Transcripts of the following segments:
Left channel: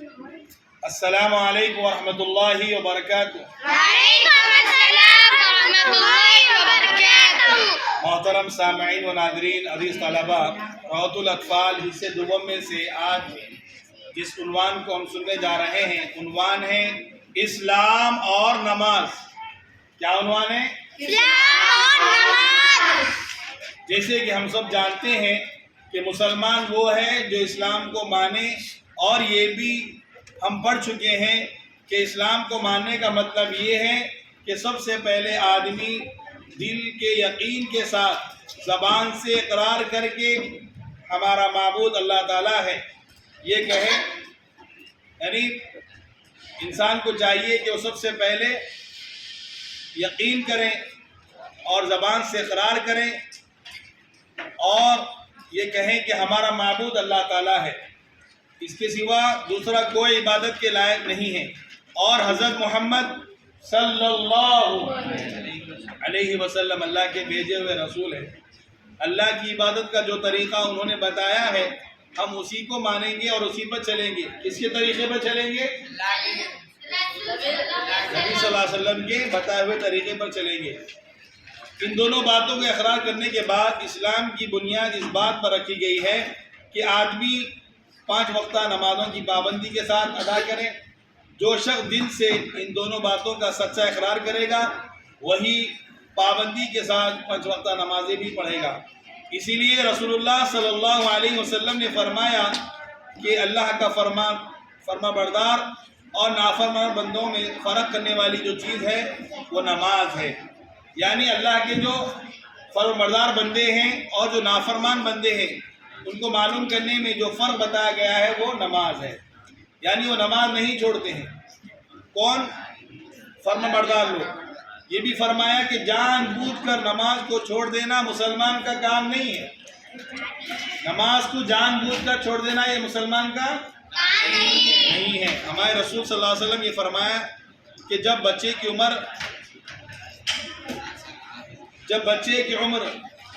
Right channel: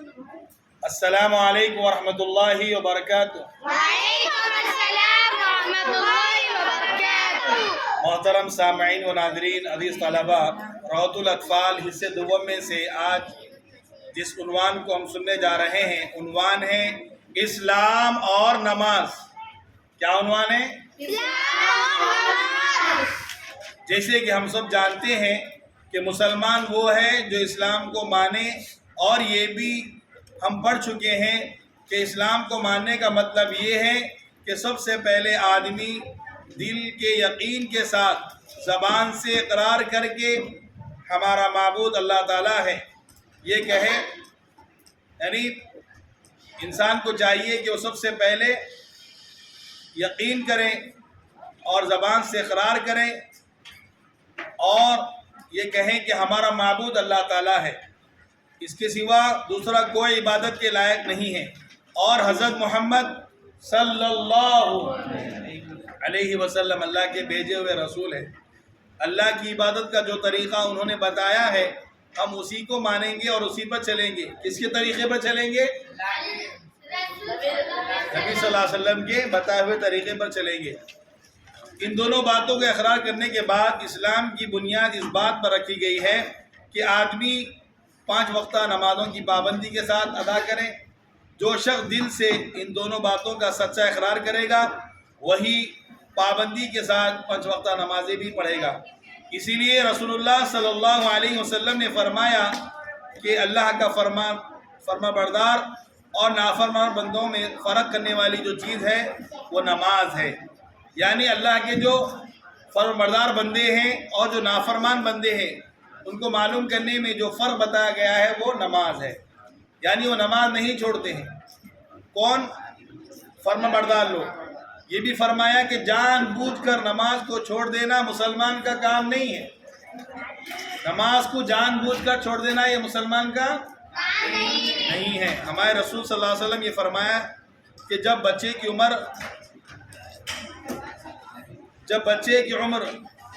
السلام علیکم ورحمۃ اللہ وبرکاتہ۔ وعلیکم السلام ورحمۃ اللہ وبرکاتہ۔ محترم سامعین و ناظرین، عزیز طلبہ، روضۃ الاطفال حصے دوم میں سے آج جس عنوان کو ہم سننے جا رہے ہیں، عنوان ہے اسلام اور نماز۔ کیا عنوان ہے؟ اسلام اور نماز۔ جیسے کہ ہم سب جانتے ہیں کہ مسلمان وہ ہے جو اسلام کو مانے، اور یہ بھی ہم پڑھ چکے ہیں کہ اسلام کو ماننے کا مطلب یہ ہے کہ سب سے پہلے آدمی دل کے یقین کے ساتھ زبان سے اقرار کر کے ہمارا معبود اللہ تعالیٰ ہے یہ کہے، یعنی انسان کو چاہیے کہ وہ سب سے پہلے یقین کریں اور زبان سے اقرار کریں اور یہ کہیں کہ ہمارا معبود اللہ تعالیٰ ہے، اس کے سوا دوسرا کوئی عبادت کے لائق نہیں ہے، اور حضرت محمد صلی اللہ علیہ وسلم اللہ کے بھیجے ہوئے رسول ہیں۔ اللہ کی عبادت کا جو طریقہ انہوں نے بتایا ہے ہم اسی کو مانیں گے اور اسی پر چلیں گے۔ کس کے طریقے پر چلیں گے؟ نبی صلی اللہ علیہ وسلم کے بتائے ہوئے طریقے پر چلیں گے۔ ان دونوں باتوں کا اقرار کرنے کے بعد اسلام کی بنیاد اس بات پر رکھی گئی ہے کہ آدمی 5 وقتہ نمازوں کی پابندی کے ساتھ ادا کریں۔ جو شخص دل سے ان دونوں باتوں کا سچا اقرار کرے گا وہی پابندی کے ساتھ 5 وقتہ نمازیں بھی پڑھے گا۔ اسی لیے رسول اللہ صلی اللہ علیہ وسلم نے فرمایا کہ اللہ کا فرما بردار اور نافرمان بندوں میں فرق کرنے والی جو چیز ہے وہ نماز ہے، یعنی اللہ کے جو فرما بردار بندے ہیں اور جو نافرمان بندے ہیں ان کو معلوم کرنے میں جو فرق بتایا گیا ہے وہ نماز ہے، یعنی وہ نماز نہیں چھوڑتے ہیں۔ کون؟ فرما بردار لوگ۔ یہ بھی فرمایا کہ جان بوجھ کر نماز کو چھوڑ دینا مسلمان کا کام نہیں ہے۔ نماز کو جان بوجھ کر چھوڑ دینا یہ مسلمان کا نہیں ہے۔ ہمارے رسول صلی اللہ علیہ وسلم یہ فرمایا کہ جب بچے کی عمر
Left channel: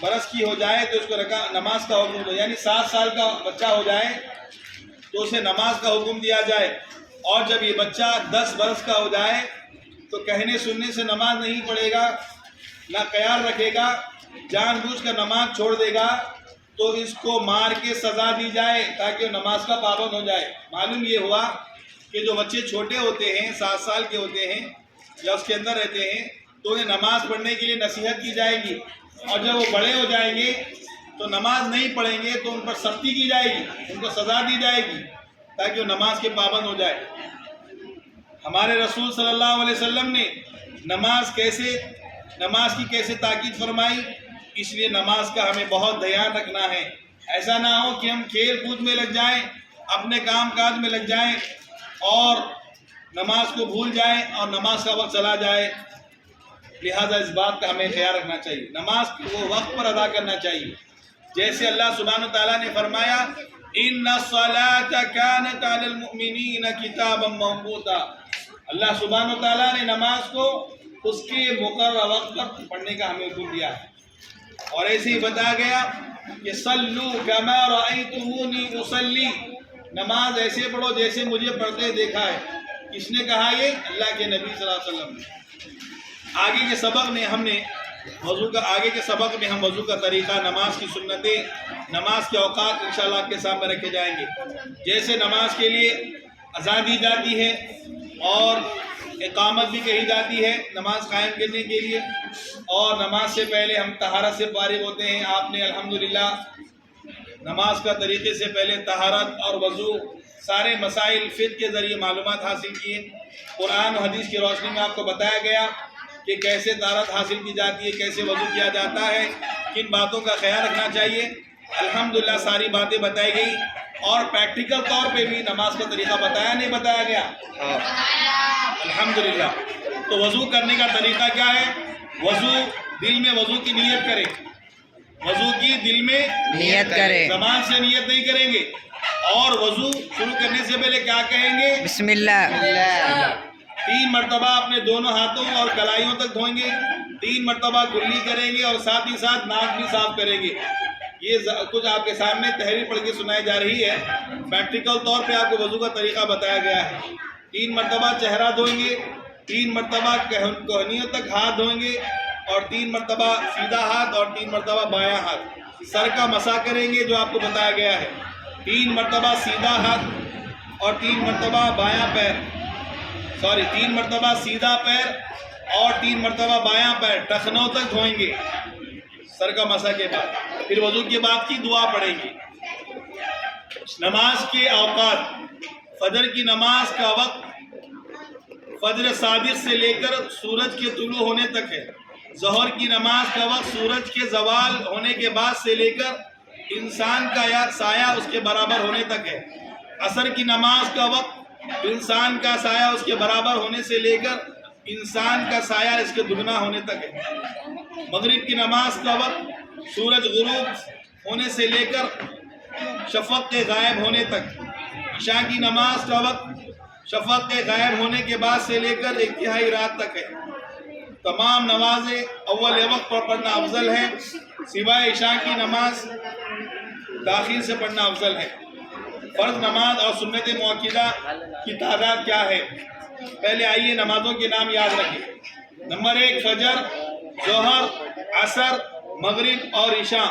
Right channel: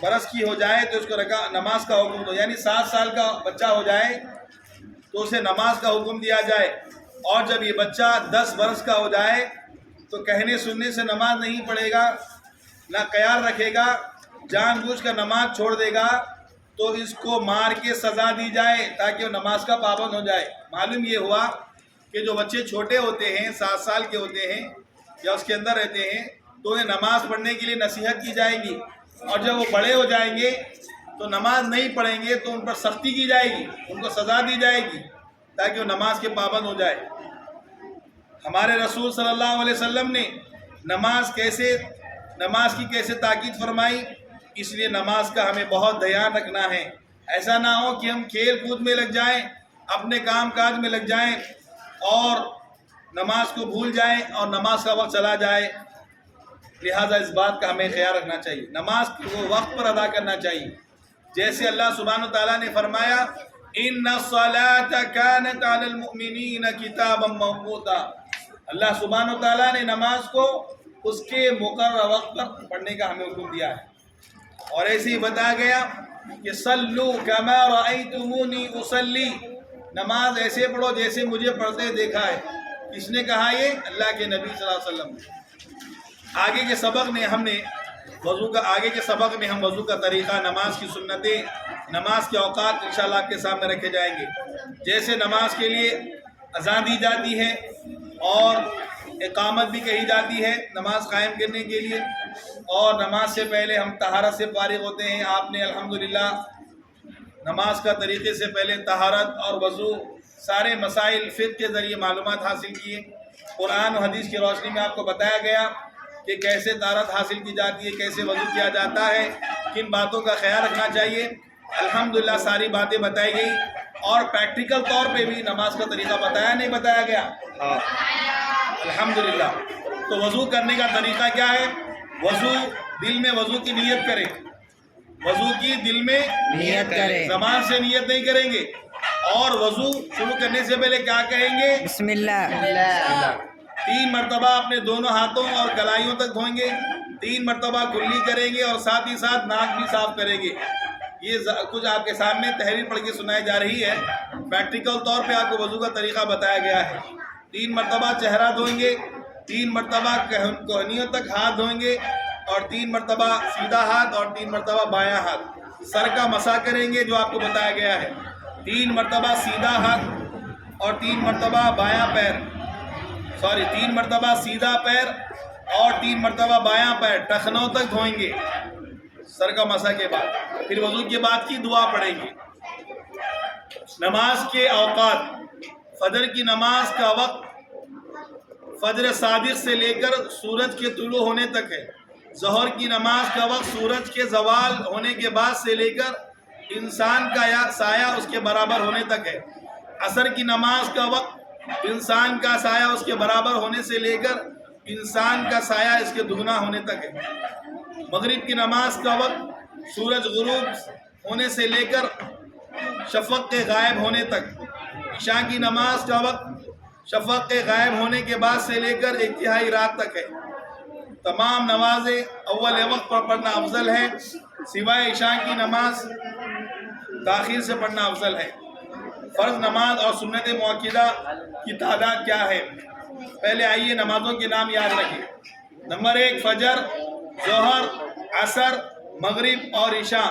برس کی ہو جائے تو اس کو نماز کا حکم دو، یعنی 7 سال کا بچہ ہو جائے تو اسے نماز کا حکم دیا جائے، اور جب یہ بچہ 10 برس کا ہو جائے تو کہنے سننے سے نماز نہیں پڑھے گا، نہ خیال رکھے گا، جان بوجھ کر نماز چھوڑ دے گا تو اس کو مار کے سزا دی جائے تاکہ وہ نماز کا پابند ہو جائے۔ معلوم یہ ہوا کہ جو بچے چھوٹے ہوتے ہیں 7 سال کے ہوتے ہیں یا اس کے اندر رہتے ہیں تو انہیں نماز پڑھنے کے لیے نصیحت کی جائے گی، اور جب وہ بڑے ہو جائیں گے تو نماز نہیں پڑھیں گے تو ان پر سختی کی جائے گی، ان کو سزا دی جائے گی تاکہ وہ نماز کے پابند ہو جائے۔ ہمارے رسول صلی اللہ علیہ وسلم نے نماز کی کیسے تاکید فرمائی، اس لیے نماز کا ہمیں بہت دھیان رکھنا ہے۔ ایسا نہ ہو کہ ہم کھیل کود میں لگ جائیں، اپنے کام کاج میں لگ جائیں اور نماز کو بھول جائیں اور نماز کا وقت چلا جائے۔ لہذا اس بات کا ہمیں خیال رکھنا چاہیے، نماز کو وقت پر ادا کرنا چاہیے۔ جیسے اللہ سبحانہ وتعالیٰ نے فرمایا ان الصلاۃ کانت علی المؤمنین کتابا موقوتا، اللہ سبحانہ وتعالیٰ نے نماز کو اس کے مقررہ وقت پر پڑھنے کا ہمیں حکم دیا ہے، اور ایسے ہی بتایا گیا کہ صلو کما رأیتمونی اصلی، نماز ایسے پڑھو جیسے مجھے پڑھتے دیکھا ہے۔ کس نے کہا یہ؟ اللہ کے نبی صلی اللہ علیہ وسلم نے۔ آگے کے سبق میں ہم وضو کا طریقہ، نماز کی سنتیں، نماز کے اوقات انشاءاللہ آپ کے سامنے رکھے جائیں گے۔ جیسے نماز کے لیے اذان دی جاتی ہے اور اقامت بھی کہی جاتی ہے نماز قائم کرنے کے لیے، اور نماز سے پہلے ہم طہارت سے فارغ ہوتے ہیں۔ آپ نے الحمدللہ نماز کا طریقے سے پہلے طہارت اور وضو سارے مسائل فقہ کے ذریعے معلومات حاصل کیے۔ قرآن و حدیث کی روشنی میں آپ کو بتایا گیا کہ کیسے طہارت حاصل کی جاتی ہے، کیسے وضو کیا جاتا ہے، کن باتوں کا خیال رکھنا چاہیے۔ الحمدللہ ساری باتیں بتائی گئی، اور پریکٹیکل طور پہ بھی نماز کا طریقہ بتایا نہیں بتایا گیا؟ الحمدللہ۔ تو وضو کرنے کا طریقہ کیا ہے؟ دل میں وضو کی نیت کریں، وضو کی دل میں نیت کریں، زبان سے نیت نہیں کریں گے، اور وضو شروع کرنے سے پہلے کیا کہیں گے؟ بسم اللہ۔ 3 مرتبہ اپنے دونوں ہاتھوں اور کلائیوں تک دھوئیں گے، 3 مرتبہ کلی کریں گے، اور ساتھ ہی ساتھ ناک بھی صاف کریں گے۔ یہ کچھ آپ کے سامنے تحریر پڑھ کے سنائی جا رہی ہے. پریکٹیکل طور پہ آپ کو وضو کا طریقہ بتایا گیا ہے. 3 مرتبہ چہرہ دھوئیں گے, 3 مرتبہ کوہنیوں تک ہاتھ دھوئیں گے, اور 3 مرتبہ سیدھا ہاتھ اور 3 مرتبہ بایاں ہاتھ. سر کا مسح کریں گے جو آپ کو بتایا گیا ہے. 3 مرتبہ سیدھا ہاتھ اور 3 مرتبہ بایاں پیر, 3 مرتبہ سیدھا پیر اور 3 مرتبہ بایاں پیر ٹخنوں تک دھوئیں گے سر کا مسح کے بعد. پھر وضو کے بعد کی دعا پڑھیں گے. نماز کے اوقات: فجر کی نماز کا وقت فجر صادق سے لے کر سورج کے طلوع ہونے تک ہے. ظہر کی نماز کا وقت سورج کے زوال ہونے کے بعد سے لے کر انسان کا یا سایہ اس کے برابر ہونے تک ہے. عصر کی نماز کا وقت انسان کا سایہ اس کے برابر ہونے سے لے کر انسان کا سایہ اس کے دگنا ہونے تک ہے. مغرب کی نماز کا وقت سورج غروب ہونے سے لے کر شفق کے غائب ہونے تک. عشاء کی نماز کا وقت شفق کے غائب ہونے کے بعد سے لے کر 1/3 رات تک ہے. تمام نمازیں اول وقت پر پڑھنا افضل ہے, سوائے عشاء کی نماز تاخیر سے پڑھنا افضل ہے. فرض نماز اور سنت مؤکدہ کی تعداد کیا ہے؟ پہلے آئیے نمازوں کے نام یاد رکھیں. نمبر 1 فجر, ظہر, عصر, مغرب اور عشاء.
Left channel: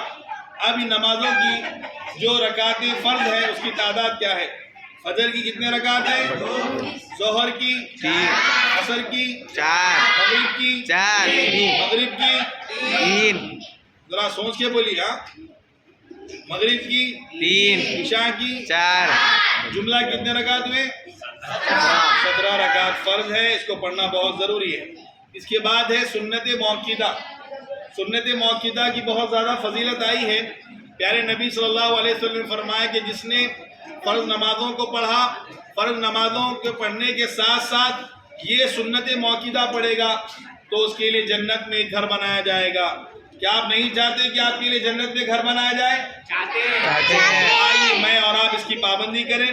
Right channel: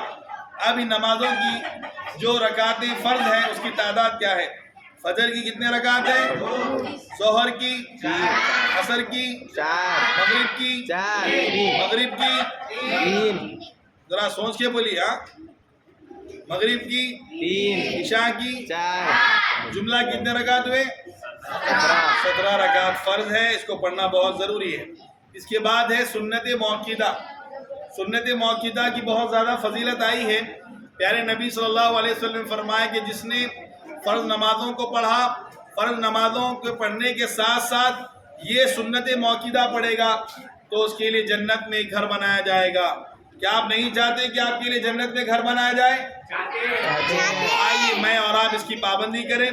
اب ان نمازوں کی جو رکعتیں فرض ہیں اس کی تعداد کیا ہے؟ فجر کی کتنے رکعت ہیں؟ ظہر کی 3, عصر کی 4, مغرب کی 4, مغرب کی 3, ذرا سوچ کے بولی. ہاں, مغرب کی 3, عشاء کی 4, جملہ کتنے رکعت ہوئے؟ 17 رکعت فرض ہے, اس کو پڑھنا بہت ضروری ہے. اس کے بعد ہے سنت مؤکدہ. سنت مؤکدہ کی بہت زیادہ فضیلت آئی ہے. پیارے نبی صلی اللہ علیہ وسلم نے فرمایا کہ جس نے فرض نمازوں کو پڑھا, فرض نمازوں کے پڑھنے کے ساتھ ساتھ یہ سنت مؤکدہ پڑھے گا تو اس کے لیے جنت میں گھر بنایا جائے گا. کیا آپ نہیں چاہتے کہ آپ کے لیے جنت میں گھر بنایا جائے؟ چاہتے ہیں. آئیے میں اور آپ اس کی پابندی کریں.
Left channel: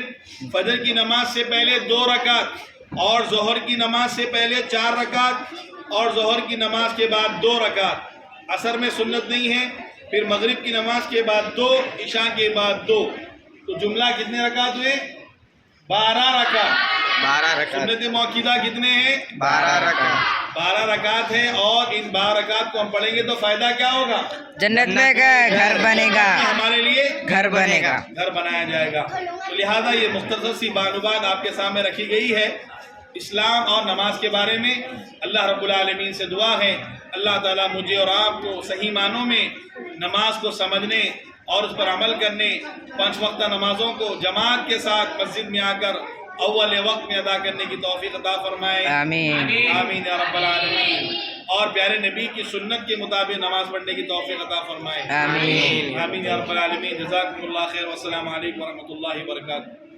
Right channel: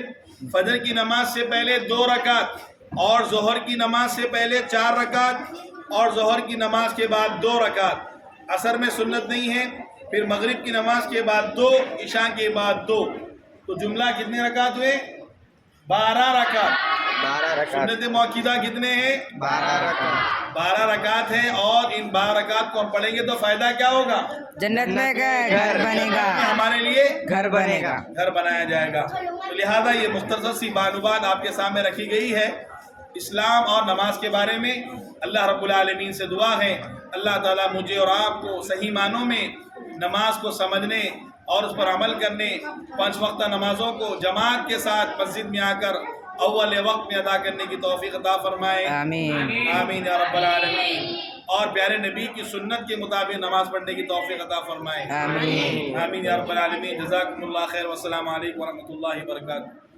فجر کی نماز سے پہلے 2 رکعت اور ظہر کی نماز سے پہلے 4 رکعت اور ظہر کی نماز کے بعد 2 رکعت. عصر میں سنت نہیں ہے. پھر مغرب کی نماز کے بعد 2, عشاء کے بعد 2. تو جملہ کتنے رکعت ہوئے؟ 12 رکعت. 12 رکعت. سنت مؤکدہ کتنے ہیں؟ 12 رکعت. 12 رکعت ہے, اور ان 12 رکعت کو ہم پڑھیں گے تو فائدہ کیا ہوگا؟ جنت میں گھر بنے گا, ہمارے لیے گھر بنے گا, گھر بنایا جائے گا. تو لہٰذا یہ مختصر سی بات آپ کے سامنے رکھی گئی ہے اسلام اور نماز کے بارے میں. اللہ رب العالمین سے دعا ہے اللہ تعالیٰ مجھے اور آپ کو صحیح معنوں میں نماز کو سمجھنے اور اس پر عمل کرنے, 5 وقتہ نمازوں کو جماعت کے ساتھ مسجد میں آ کر اول وقت میں ادا کرنے کی توفیق عطا فرمائے. آمین. آمین یا رب العالمین. اور پیارے نبی کی سنت کے مطابق نماز پڑھنے کی توفیق عطا فرمائے. آمین. آمین یا رب العالمین. جزاکم اللہ خیر. والسلام علیکم ورحمۃ اللہ وبرکاتہ.